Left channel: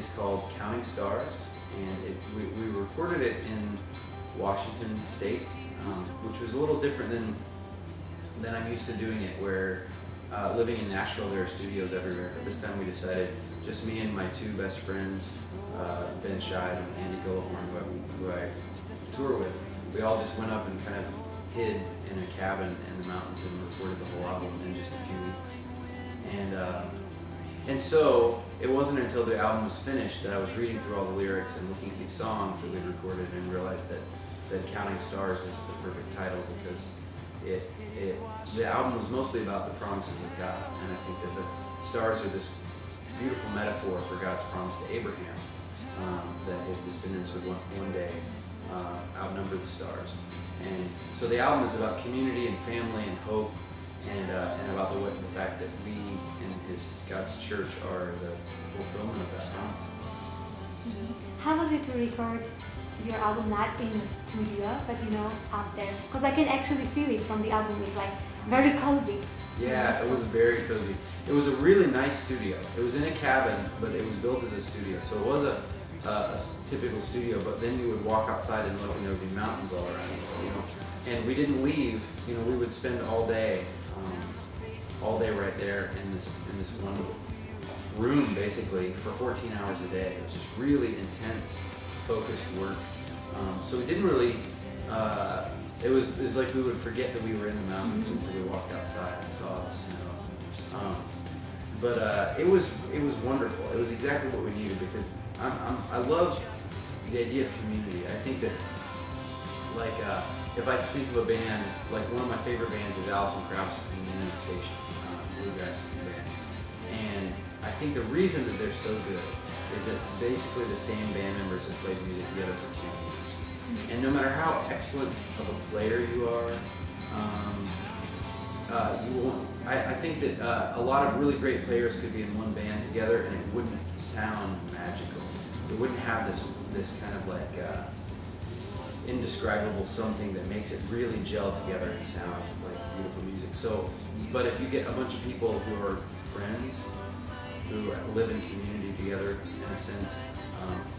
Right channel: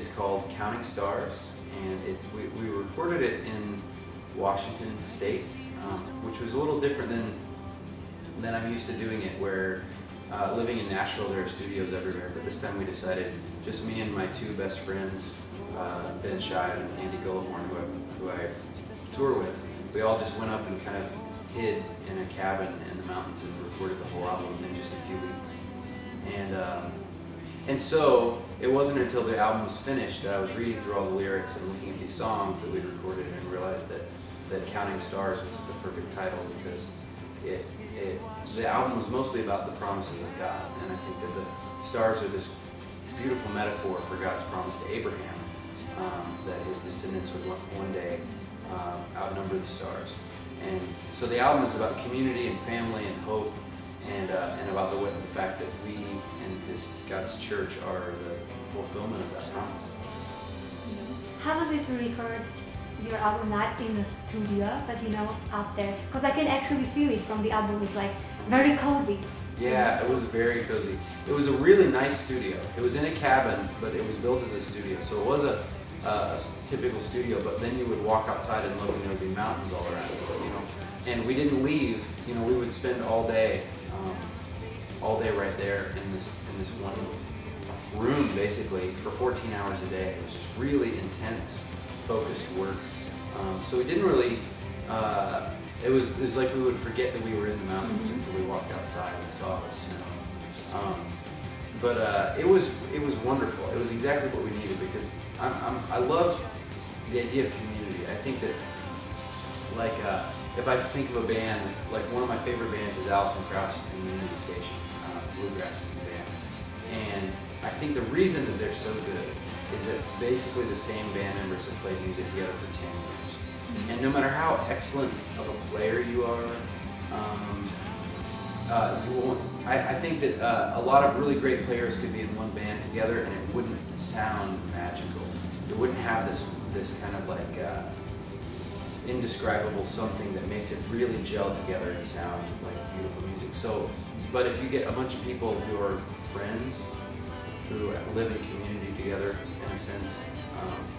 is called Counting Stars, and we recorded it in Washington State, which was a little different than I'm used to doing it, where living in Nashville there are studios everywhere, but this time we decided just me and my two best friends, Ben Scheid and Andy Gullahorn, who I tour with, we all just went up and kind of hid in a cabin in the mountains and recorded the whole album in just a few weeks. And so it wasn't until the album was finished that I was reading through all the lyrics and looking at these songs that we'd recorded and realized that Counting Stars was the perfect title, because the album was mostly about the promises of God, and I think that the stars are this beautiful metaphor for God's promise to Abraham, that his descendants would one day outnumber the stars. And so the album is about community and family and hope, and about the fact that we and God's church are the fulfillment of that promise. How was it to record your album not in the studio, but up there? Because I can actually feel it from the album. It's like very cozy. Yeah, it was very cozy. It was a really nice studio. It was in a cabin, but it was built as a studio. So it was a typical studio, but then you would walk outside and look and there would be mountains all around you, And we didn't leave, we would spend all day right there in this one room, basically, for 14 hours a day. It was just really intense, focused work. So we didn't really, it was like we would forget that we were in the mountains until we walked outside and saw the snow. But it was wonderful. It was exactly what we needed, because I love the idea of community. I think that, like, if I think of a band, like one of my favorite bands is Alison Krauss and Union Station, bluegrass band. And I think the reason that they're so good is that basically the same band members have played music together for 10 years. And no matter how excellent of a player you are, I think that a lot of really great players could be in one band together and it wouldn't sound magical. It wouldn't have this kind of like indescribable something that makes it really gel together and sound like beautiful music. So, but if you get a bunch of people who are friends, who live in community together in a sense,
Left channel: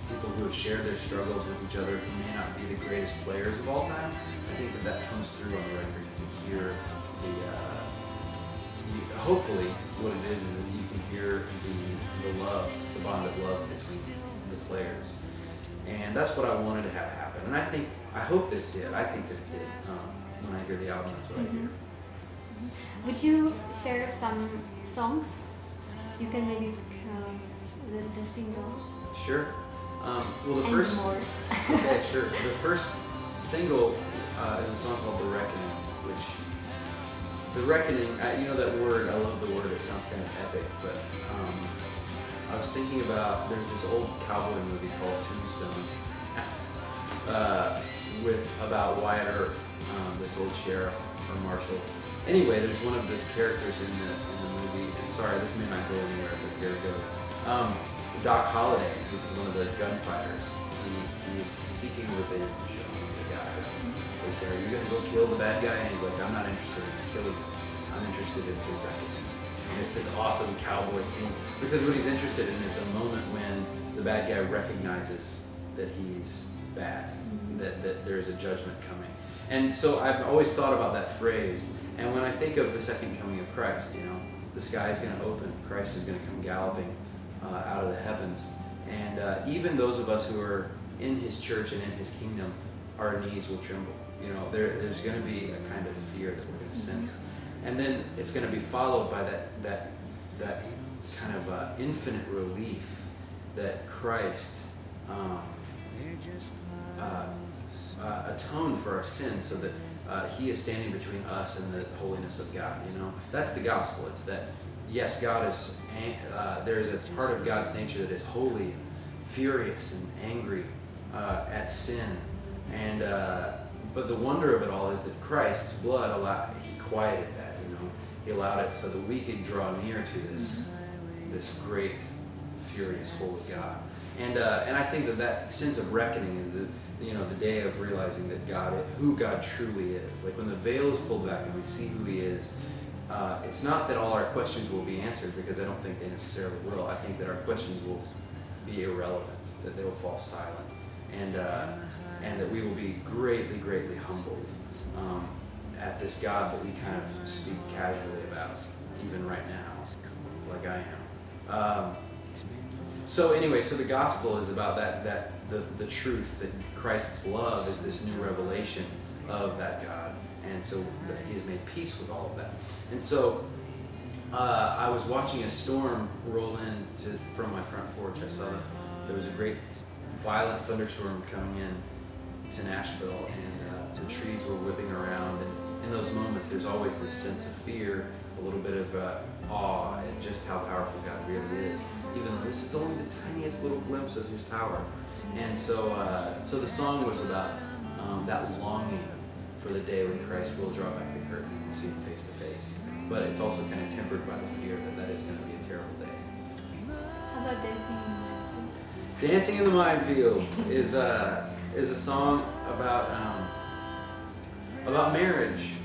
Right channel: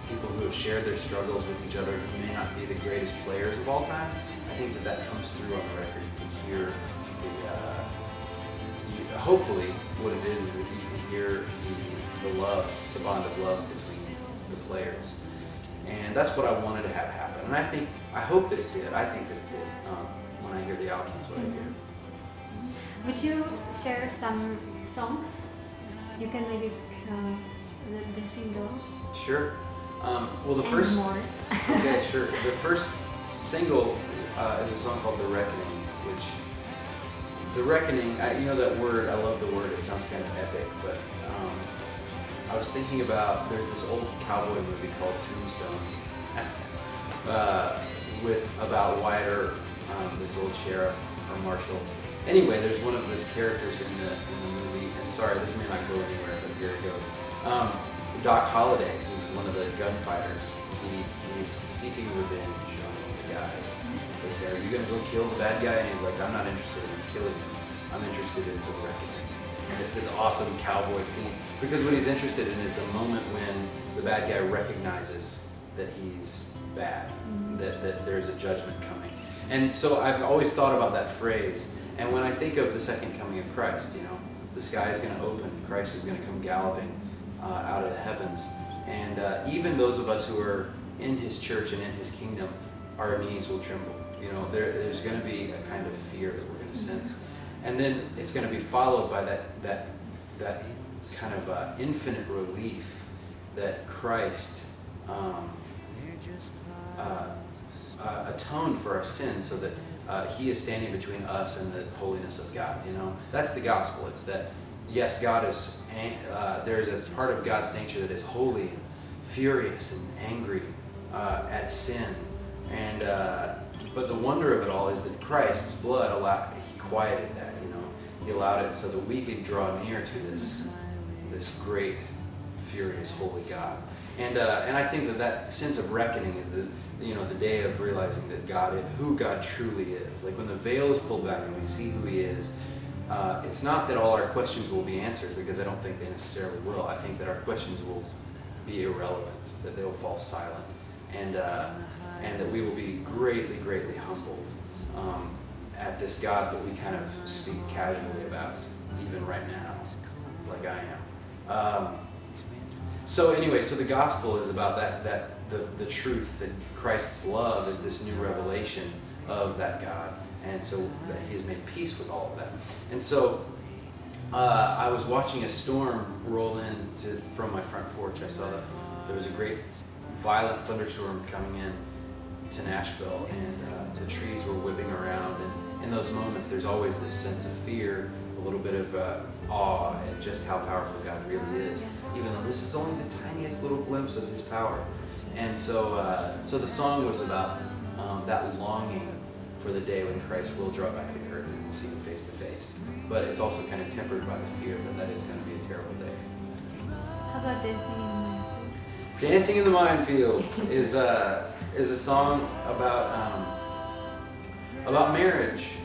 people who have shared their struggles with each other, who may not be the greatest players of all time, I think that comes through on the record. You can hear hopefully what it is that you can hear the love, the bond of love between the players. And that's what I wanted to have happen. And I hope that it did. I think that it did. When I hear the album, that's what I hear. Would you share some songs? You can maybe Sure. Well, the first. Okay, sure. The first single is a song called "The Reckoning," which the reckoning. That word. I love the word. It sounds kind of epic, but I was thinking about. There's this old cowboy movie called Tombstone, about Wyatt Earp, this old sheriff or marshal. Anyway, there's one of those characters in the movie, and sorry, this may not go anywhere, but here it goes. Doc Holliday, who's one of the gunfighters, he's seeking revenge on the guys. They say, "Are you going to go kill the bad guy?" And he's like, "I'm not interested in killing him. I'm interested in the reckoning." And it's this awesome cowboy scene, because what he's interested in is the moment when the bad guy recognizes that he's bad, that there's a judgment coming. And so I've always thought about that phrase. And when I think of the second coming of Christ, the sky is going to open, Christ is going to come galloping out of the heavens. And even those of us who are in his church and in his kingdom, our knees will tremble. There's going to be a kind of fear that we're going to sense. And then it's going to be followed by that kind of infinite relief that Christ atoned for our sins, so that he is standing between us and the holiness of God. That's the gospel. It's that, yes, God is, there's a part of God's nature that is holy and furious and angry at sin. And but the wonder of it all is that Christ's blood he quieted that. He allowed it so that we could draw near to this great, furious, holy God. And I think that sense of reckoning is the day of realizing that who God truly is. Like when the veil is pulled back and we see who he is, it's not that all our questions will be answered, because I don't think they necessarily will. I think that our questions will be irrelevant, that they'll fall silent, and that we will be greatly, greatly humbled at this God that we kind of speak casually about, even right now, like I am. So anyway, so the gospel is about the truth that Christ's love is this new revelation of that God, and so that He has made peace with all of that. And so I was watching a storm roll in from my front porch. I saw that there was a great violent thunderstorm coming in to Nashville, and the trees were whipping around, and in those moments there's always this sense of fear, a little bit of awe at just how powerful God really is, even though this is only the tiniest little glimpse of His power. And so so the song was about that longing for the day when Christ will draw back the curtain and we'll see Him face to face. But it's also kind of tempered by the fear that is going to be a terrible day. Dancing in the Minefields is a song about marriage.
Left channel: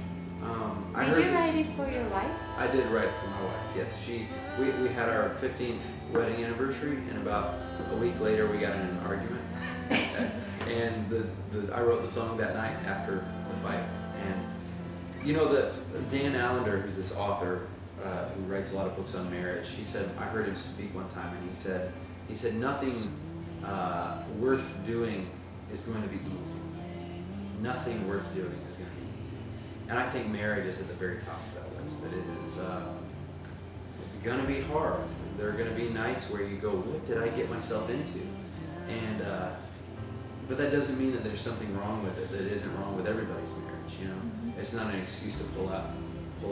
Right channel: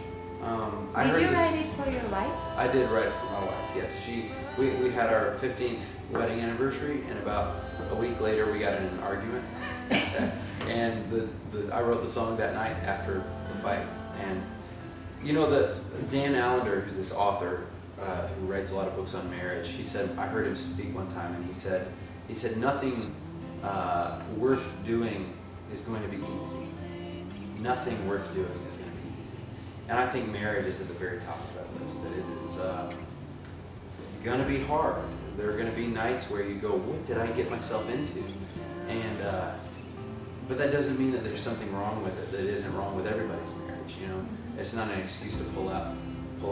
I heard Did you this. write it for your wife? I did write it for my wife. Yes, we had our 15th wedding anniversary, and about a week later we got in an argument, and I wrote the song that night after the fight. And you know, Dan Allender, who's this author who writes a lot of books on marriage, he said, I heard him speak one time, and he said nothing worth doing is going to be easy. Nothing worth doing is going to be easy. And I think marriage is at the very top of that list, that it is going to be hard. There are going to be nights where you go, what did I get myself into? And but that doesn't mean that there's something wrong with it that isn't wrong with everybody's marriage. You know, it's not an excuse to pull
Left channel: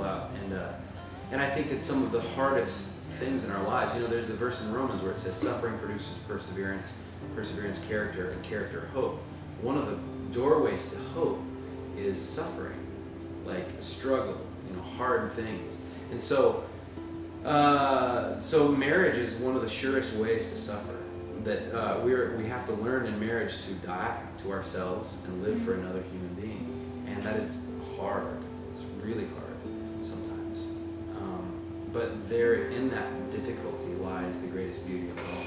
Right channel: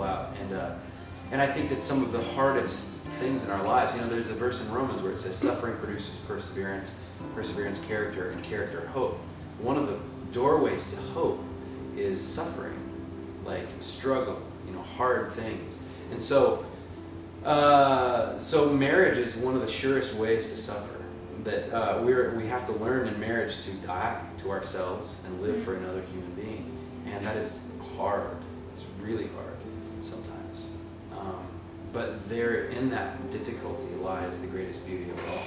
out. And I think that some of the hardest things in our lives, you know, there's a verse in Romans where it says suffering produces perseverance, perseverance character, and character hope. One of the doorways to hope is suffering, like struggle, you know, hard things. And so so marriage is one of the surest ways to suffer. That we have to learn in marriage to die to ourselves and live for another human being, and that is hard. It's really hard sometimes. But there, in that difficulty, lies the greatest beauty of it all.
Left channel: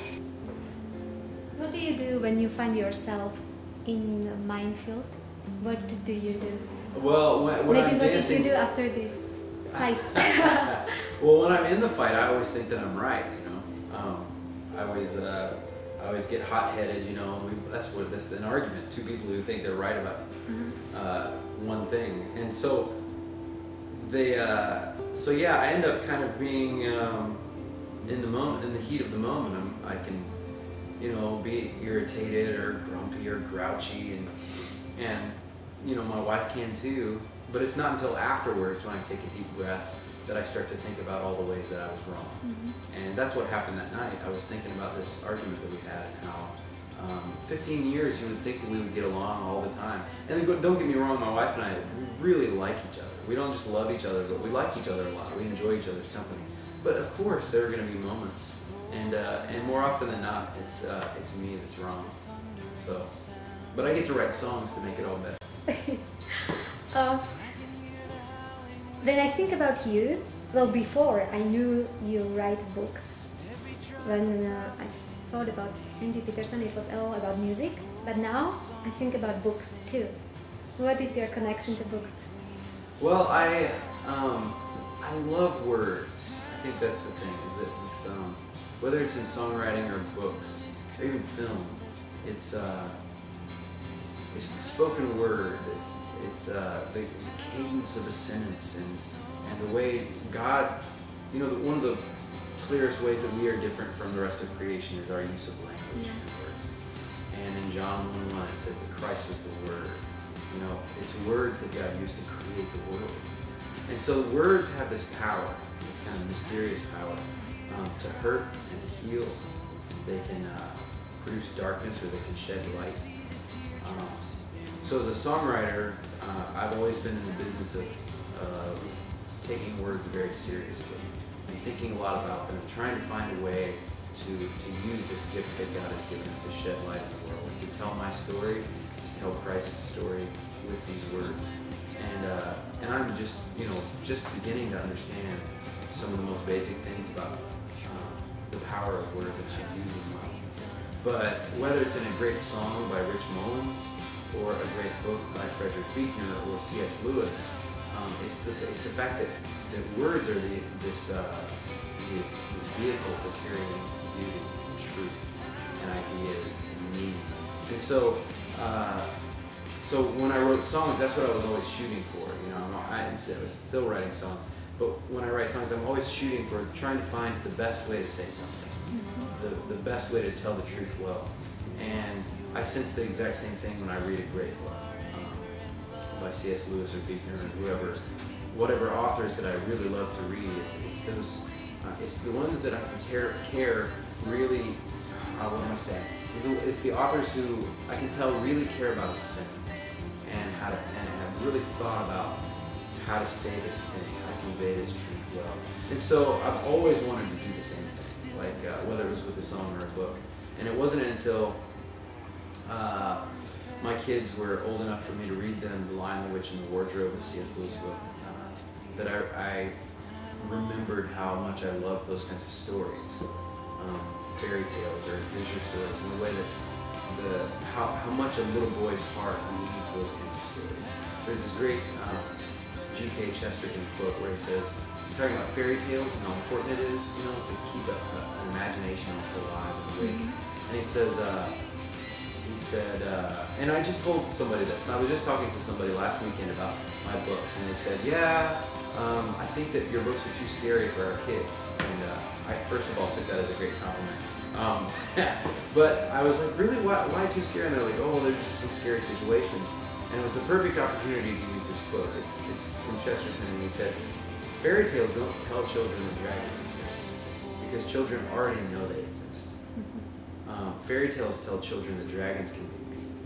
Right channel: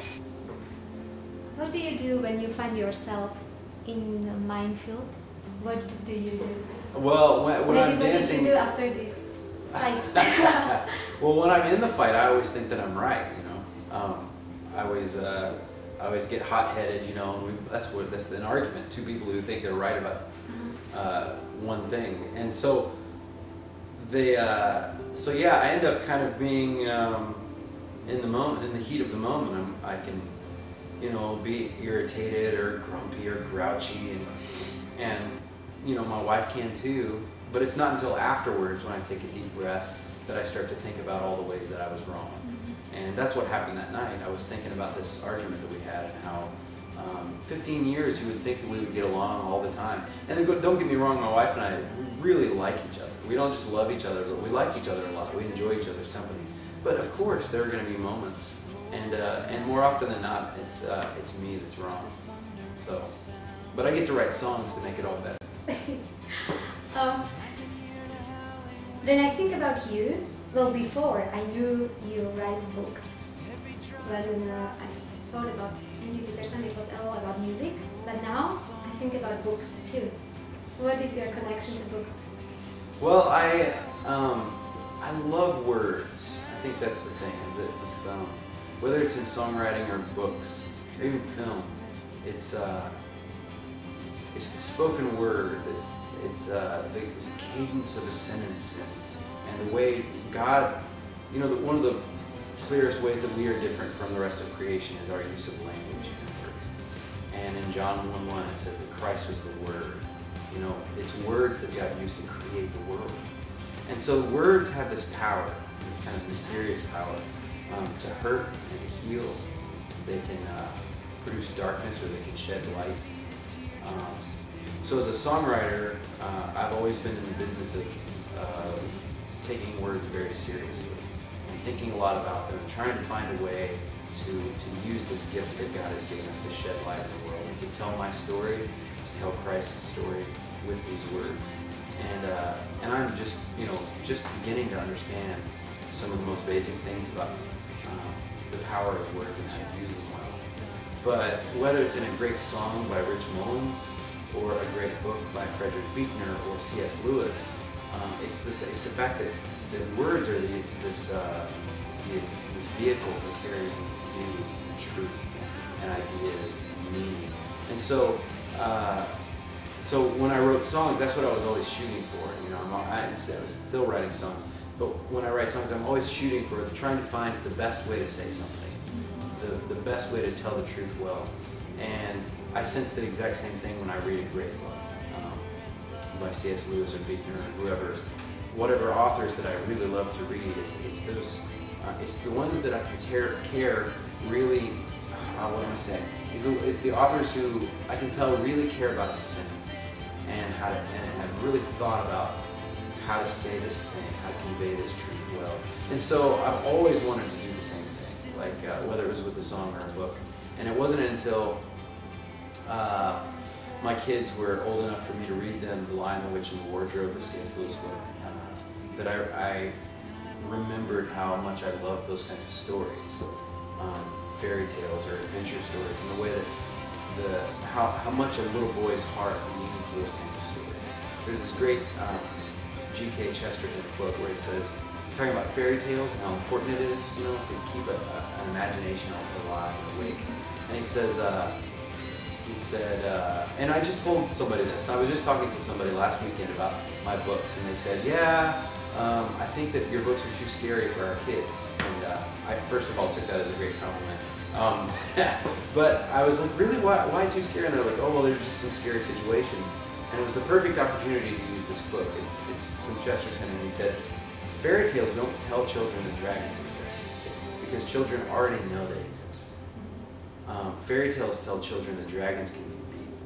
What do you do when you find yourself in a minefield? What do you do? Well, when I'm dancing. What do you do after this fight? Well, when I'm in the fight, I always think that I'm right. You know, I always get hot-headed. You know, that's an argument. Two people who think they're right about one thing, and so so yeah, I end up kind of being in the moment, in the heat of the moment. I can, you know, be irritated or grumpy or grouchy, and you know, my wife can too. But it's not until afterwards, when I take a deep breath, that I start to think about all the ways that I was wrong. And that's what happened that night. I was thinking about this argument that we had, and how 15 years you would think that we would get along all the time. And then don't get me wrong, my wife and I, we really like each other. We don't just love each other, but we like each other a lot. We enjoy each other's company. But of course, there are going to be moments, and more often than not, it's me that's wrong. So, but I get to write songs to make it all better. Then I think about you. Well, before I knew you write books. When I thought about into Peterson, it was all about music. But now I think about books too. What is your connection to books? Well, I love words. I think that's the thing, is that with, whether it's in songwriting or books or even film, it's the spoken word. It's the cadence of a sentence, and the way God, you know, one of the clearest ways that we are different from the rest of creation is our use of language and words. And in John 1:1 it says that Christ was the Word. You know, it's words that God used to create the world. And so words have this power, this kind of mysterious power, to hurt and to heal. They can produce darkness, or they can shed light. So as a songwriter, I've always been in the business of taking words very seriously and thinking a lot about them, trying to find a way to use this gift that God has given us to shed light in the world, and to tell my story, to tell Christ's story with these words. And I'm just, you know, just beginning to understand some of the most basic things about the power of words and how to use them well. But whether it's in a great song by Rich Mullins or a great book by Frederick Buechner or C.S. Lewis, it's the fact that the words are this vehicle for carrying beauty, and truth, and ideas, and meaning. And so when I wrote songs, that's what I was always shooting for. You know, I was still writing songs, but when I write songs, I'm always shooting for trying to find the best way to say something, the best way to tell the truth well. And I sense the exact same thing when I read a great book by C.S. Lewis or Buechner or whoever, whatever authors that I really love to read. It's the ones that I can care really. What am I saying? It's the authors who I can tell really care about a sentence and have really thought about how to say this thing, how to convey this truth well. And so I've always wanted to do the same thing, like whether it was with a song or a book. And it wasn't until my kids were old enough for me to read them The Lion, the Witch, and the Wardrobe, the C.S. Lewis book, that I remembered how much I loved those kinds of stories, fairy tales or adventure stories, and the way that how much a little boy's heart needs those kinds of stories. There's this great G.K. Chesterton quote where he says, he's talking about fairy tales and how important it is, you know, to keep an imagination alive and awake. And he says, and I just told somebody this. I was just talking to somebody last weekend about my books, and they said, yeah, I think that your books are too scary for our kids. And I first of all took that as a great compliment. But I was like, really, why too scary? And they're like, oh, well, there's just some scary situations. And it was the perfect opportunity to use this quote. It's from Chesterton, and he said, fairy tales don't tell children that dragons exist, because children already know they exist. Fairy tales tell children that dragons can be beaten.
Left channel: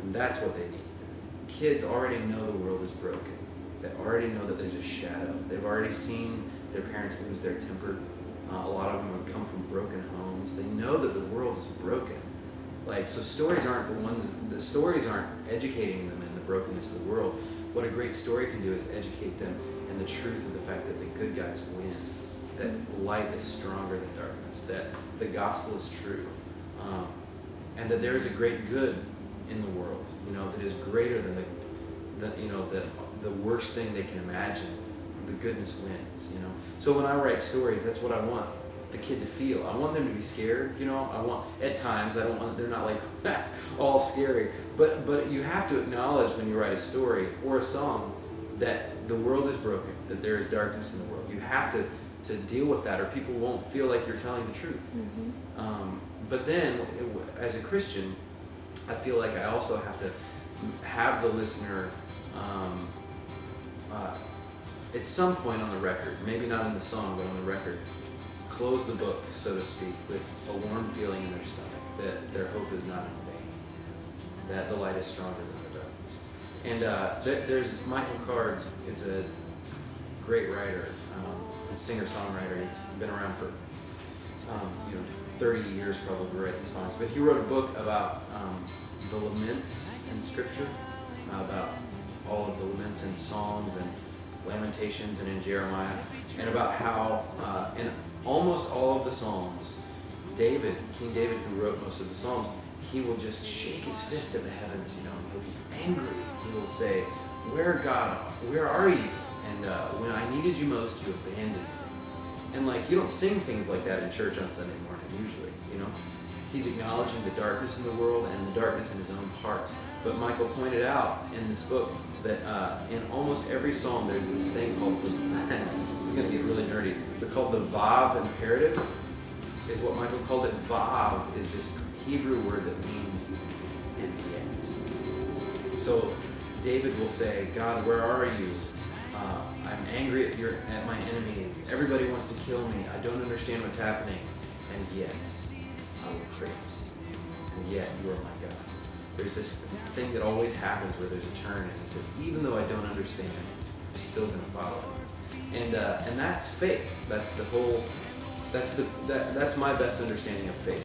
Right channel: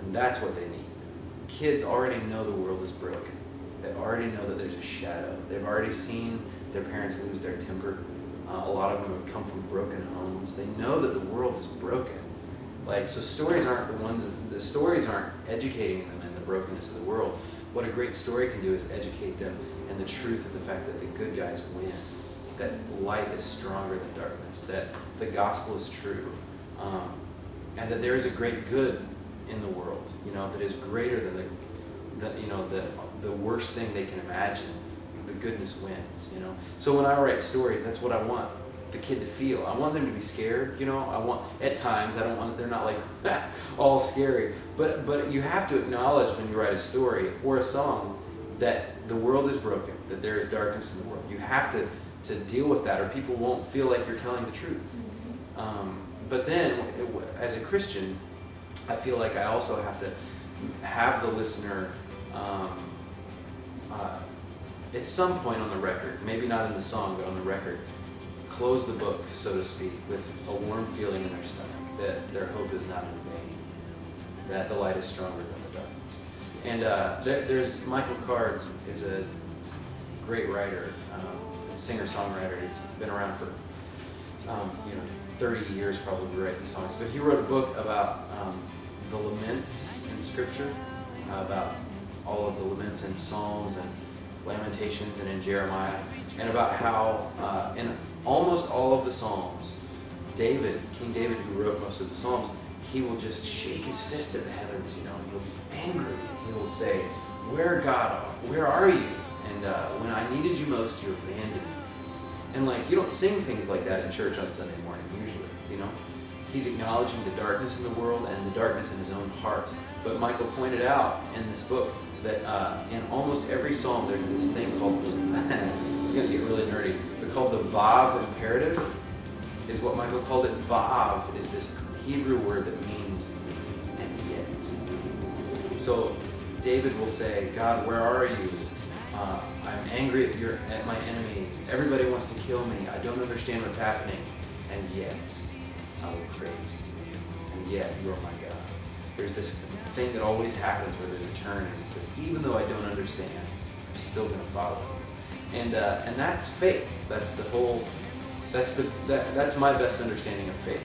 And that's what they need. Kids already know the world is broken. They already know that there's a shadow. They've already seen their parents lose their temper. A lot of them have come from broken homes. They know that the world is broken. So stories aren't educating them in the brokenness of the world. What a great story can do is educate them in the truth of the fact that the good guys win, that light is stronger than darkness, that the gospel is true, and that there is a great good in the world, you know, that is greater than the worst thing they can imagine. The goodness wins, you know. So when I write stories, that's what I want the kid to feel. I want them to be scared, you know. At times, they're not like all scary, but you have to acknowledge when you write a story or a song that the world is broken, that there is darkness in the world. You have to deal with that, or people won't feel like you're telling the truth. But then, as a Christian, I feel like I also have to have the listener at some point on the record, maybe not in the song, but on the record, close the book, so to speak, with a warm feeling in their stomach that their hope is not in vain, that the light is stronger than the darkness. And there's Michael Card is a great writer, singer-songwriter. He's been around for 30 years probably writing songs. But he wrote a book about the laments in Scripture, about all of the laments in Psalms and Lamentations and in Jeremiah, and about how in almost all of the Psalms, King David, who wrote most of the Psalms, he will just shake his fist at the heavens, you know, and he'll be angry. He will say, "Where, God, where are you? And when I needed you most, you abandoned me." And you don't sing things like that in church on Sunday morning, usually, you know. He's acknowledging the darkness in the world and the darkness in his own heart. But Michael pointed out in this book that in almost every psalm there's this thing called it's going to get really nerdy, but called the Vav imperative, is what Michael called it. Vav is this Hebrew word that means "and yet." So David will say, "God, where are you? I'm angry at my enemy. Everybody wants to kill me. I don't understand what's happening. And yet, I will praise you. And yet, you are my God." There's this thing that always happens where there's a turn, and he says, even though I don't understand, I'm still going to follow you. And that's faith. That's my best understanding of faith.